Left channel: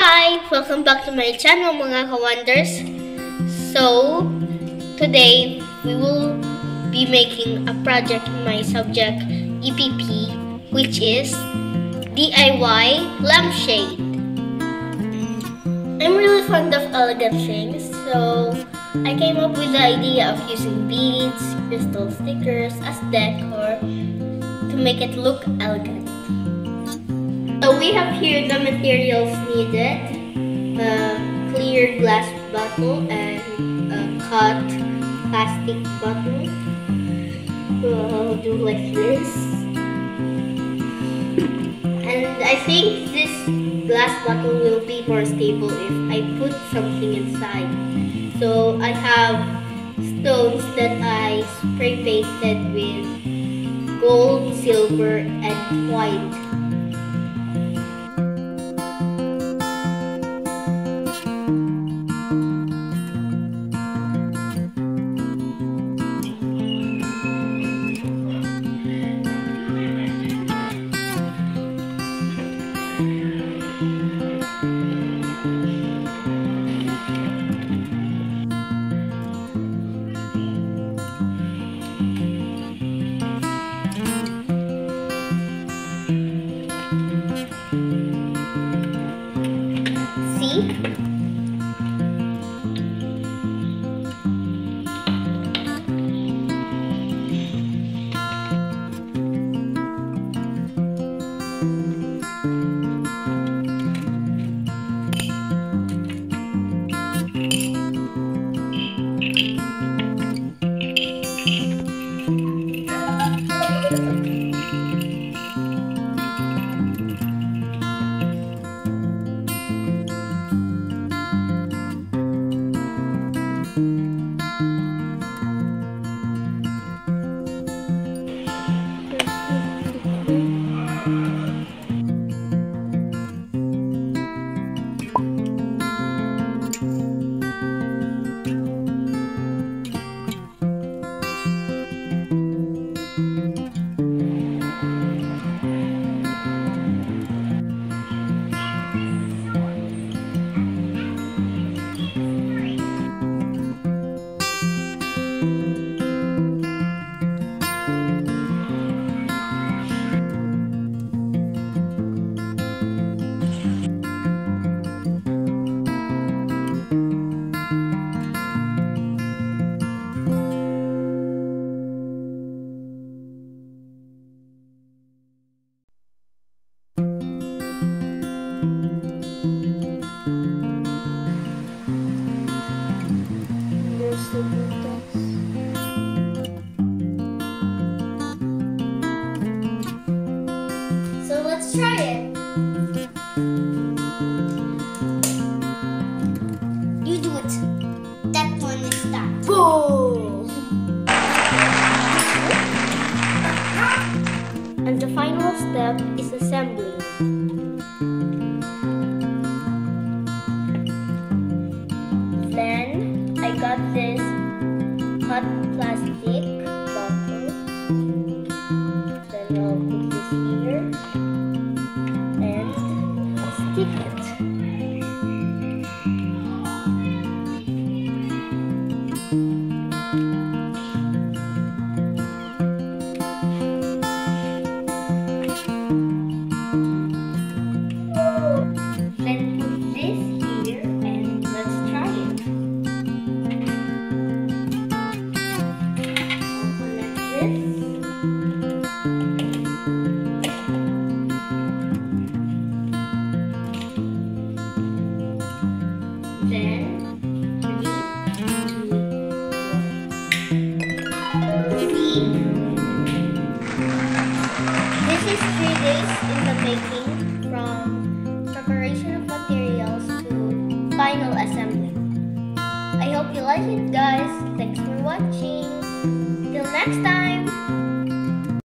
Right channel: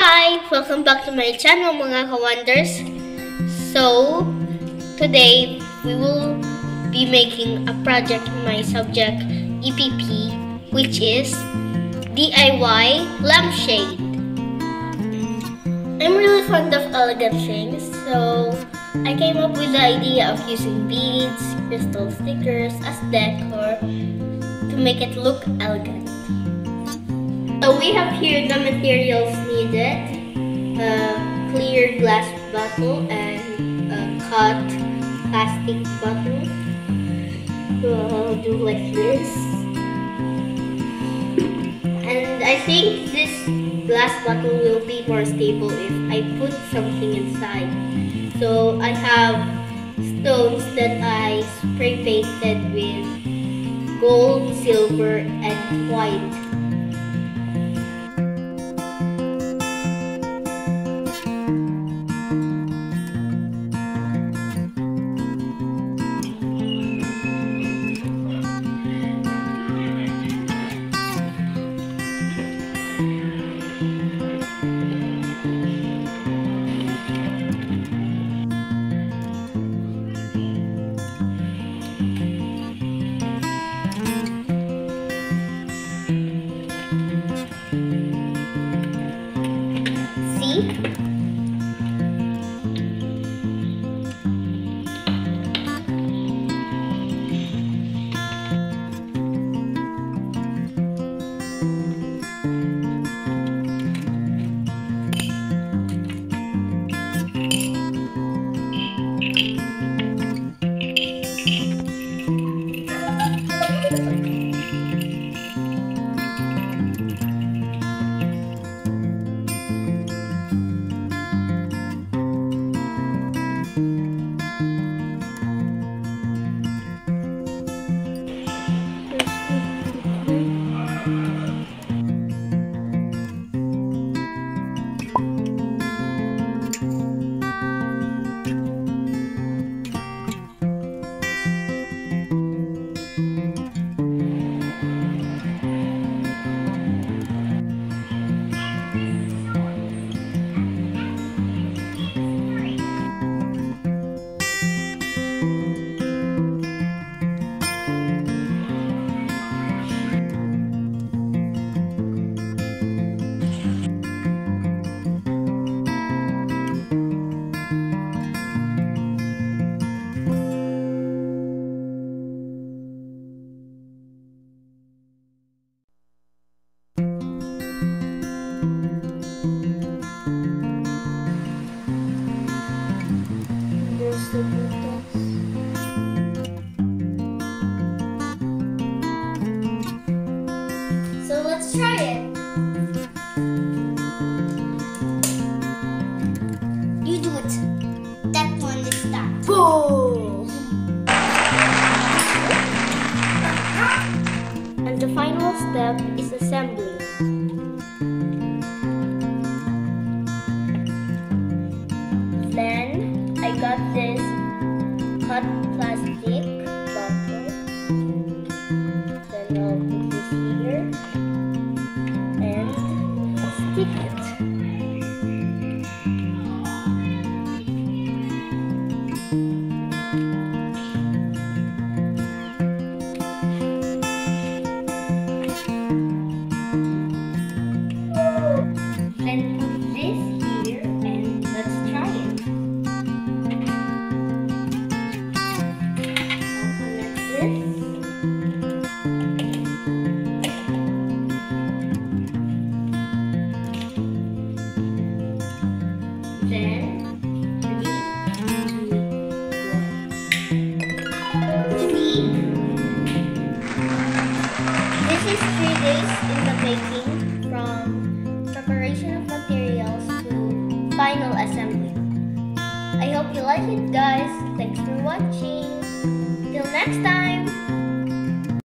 Hi! Welcome back to my channel mga ka-wonders. So, today we will be making a project in my subject EPP, which is DIY lampshade. I'm really fond of elegant things, so I came up with the idea of using beads, crystal stickers as decor to make it look elegant. So we have here the materials needed: a clear glass bottle and a cut plastic bottle. So I'll do like this. And I think this glass bottle will be more stable if I put something inside. So I have stones that I spray painted with gold, silver, and white. See? There's the butas. So let's try it. You do it. That one is that. Boom! And the final step is assembling. Then I got this cut plastic bottle. Then I'll put this here and stick it. Then put this here and let's try it. I'll connect this. Then 3, 2, 1. See? This is 3 days in the making, from preparation of materials to final assembly. I hope you like it, guys. Thanks for watching. Till next time!